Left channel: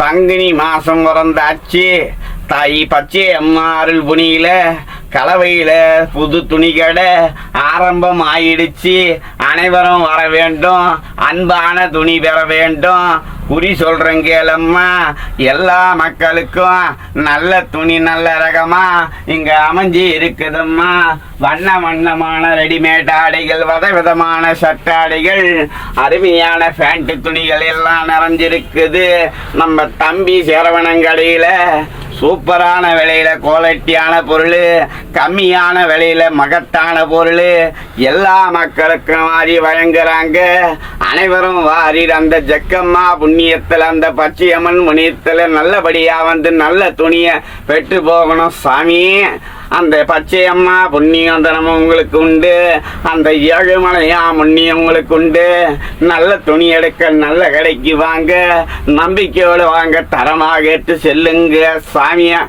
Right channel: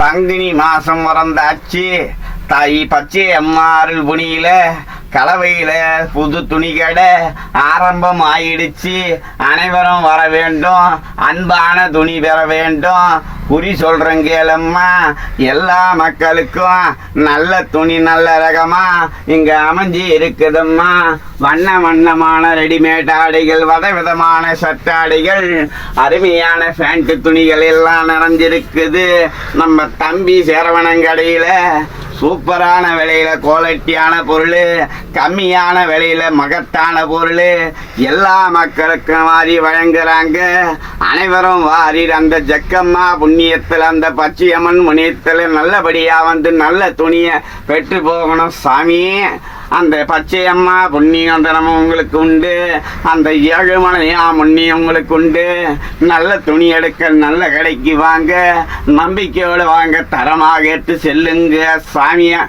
பங்குனி மாசம் பிறந்தாச்சு. தாய் பச்சை அம்மா அருள் புனியில கலவையில புது துணி கடை ஆரம்பம் ஆயிடுச்சு. அனைவரும் வர வேண்டும், அன்பான துணி பெற வேண்டும். குறி சொல்றேன் கேளம்மா, எல்லா மக்களுக்கும் நல்ல துணி நல்ல ரகமா இங்க அமைஞ்சி இருக்குதம்மா. வண்ண வண்ணமான ரெடிமேட் ஆடைகள், விதவிதமான சட்டாடைகள், அருமையான பேண்ட் துணிகள் எல்லாம் நிறைஞ்சிருக்குது. நம்ம தம்பி சேரவணங்கடையில சூப்பரான விலையில குவாலிட்டியான பொருள், கம்மியான விலையில மகத்தான பொருள் எல்லா மக்களுக்கும் வாரி வழங்குறாங்க. அனைவரும் வாரி அந்த ஜக்கம்மா புண்ணியத்தில் அந்த பச்சையம்மன் புண்ணியத்தில் நல்லபடியா வந்து நல்ல துணியை பெற்று போகணும் சாமி. அந்த பச்சையம்மா புண்ணியம் தினமும் உங்களுக்கு உண்டு, அந்த ஏழுமலையா புண்ணியம் உங்களுக்கு உண்டு. நல்ல துணி எடுக்க நல்ல கடைக்கு வாங்க, நம்பிக்கையோடு வாங்க, தரமாக ஏற்று செல்லுங்க சாமியா.